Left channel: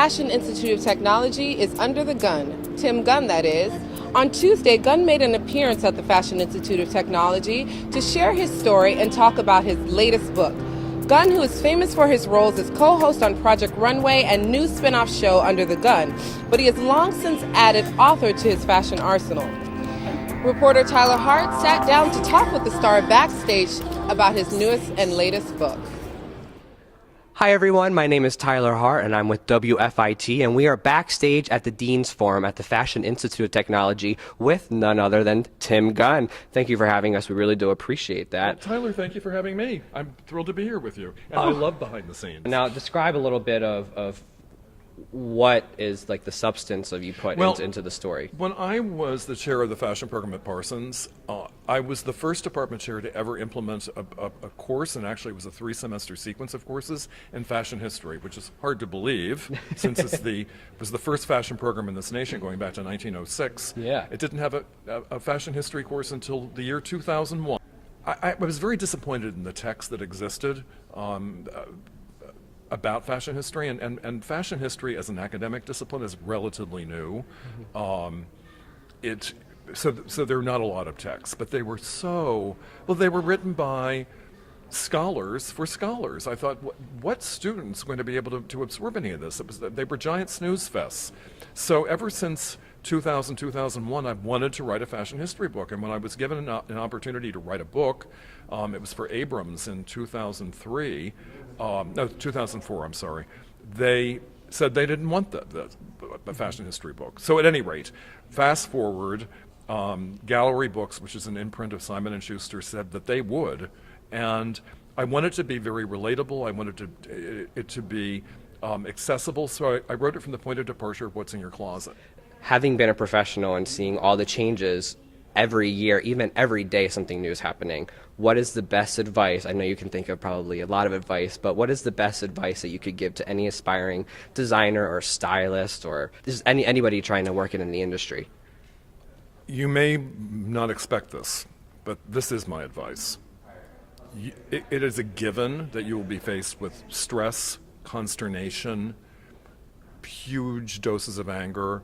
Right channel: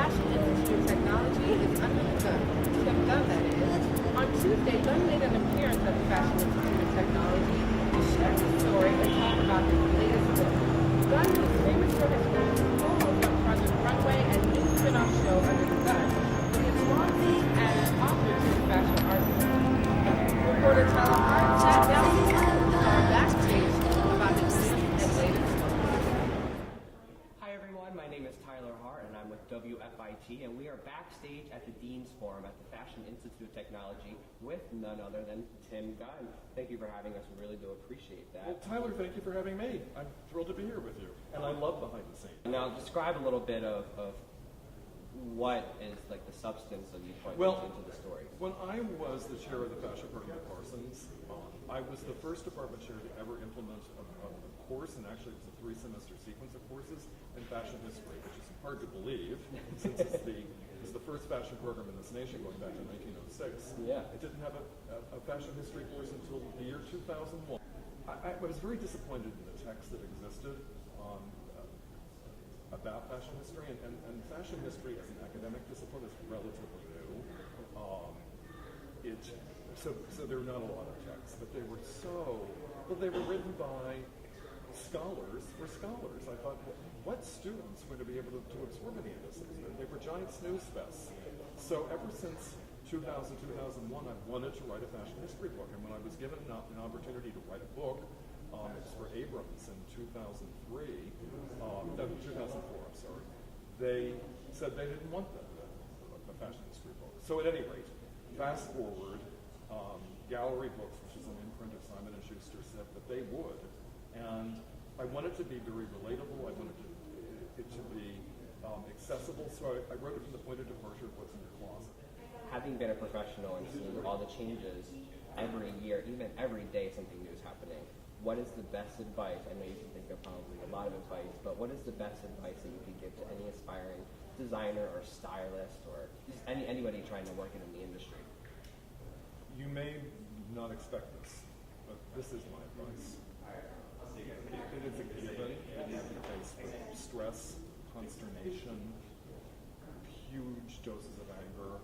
Fashion Institute of Technology is under the gun. Tim Gunn, that is. On Tuesday, Gunn made an appearance at the Fashion Institute of Technology to share his story and talk about his latest book. Gunn, who is famous for his roles as co-host on Project Runway and new spin-off show Under the Gun, but he has long since added author to his fashion arsenal. Reporter Tyler Hart sat down to talk with the star backstage about his newest and latest book. Hi everyone, my name is Tyler Hart and I'm with WFIT, and we are backstage at the Dean's Forum at the Fashion Institute of Technology with none other than Tim Gunn. Thank you for having us. We really do appreciate that. Well, Tyler, thank you for having me. I'm thrilled to be here with you, and I love behind the scenes. Now describe a little bit of what is like the substance of you put into the story. When I was the chair of the fashion program at Parsons, I was the first department chair to ever implement a course, and actually it was a 3-semester sequence of courses in fashion history, which is hard to believe since it was the first fashion program in this nation going back to 1906. Yeah. It didn't have a fashion history course until the year 2001. I was very disappointed in the text that existed about fashion history, and fashion history as an academic discipline is relatively new. So there are not a lot of texts, but they were they were written by scholars for scholars. I thought, what student's going to be able to absorb any of this? They were giant snooze fests. So ever since 2000, 2001, I've wanted to write a fashion history book, and when I was given an opportunity to write a book, it was for Abrams in 2003, no, 2004, I'm sorry. They said they didn't want the fashion history book. So at any rate, fast forward, Gallery Books, which is an imprint of Simon & Schuster, said that they would. And I wanted it to be very relatable. I wanted it to be accessible. So I wrote it from the point of departure of what's in your closet. Having been a professional and seeing all the changes every year, even every day something new is happening, what is the best advice? I know you can think of probably a lot of advice, but what is the best advice that you could give to any aspiring designer or stylist or just anybody trying to work in the industry? You may not expect this, but this is my advice. It is a given that you will be faced with stress, consternation, huge doses of anger,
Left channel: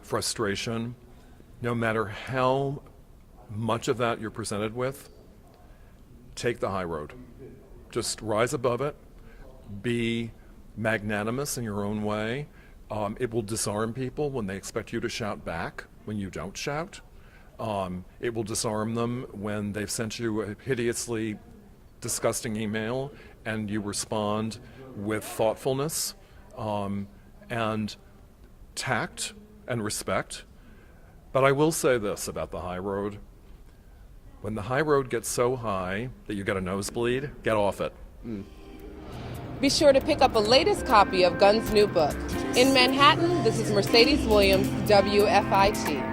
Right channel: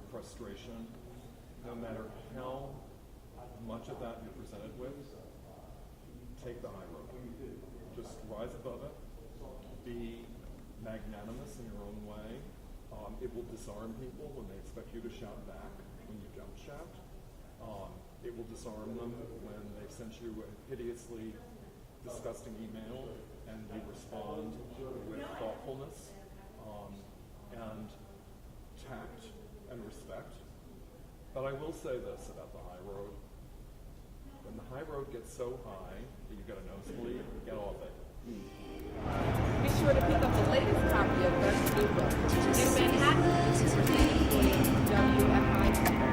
frustration. No matter how much of that you're presented with, take the high road. Just rise above it. Be magnanimous in your own way. It will disarm people when they expect you to shout back when you don't shout. It will disarm them when they've sent you a hideously disgusting email and you respond with thoughtfulness and tact and respect. But I will say this about the high road. When the high road gets so high that you get a nosebleed, get off it. Be sure to pick up a latest copy of Gunn's new book. In Manhattan, this is Mercedes Williams, WFIT.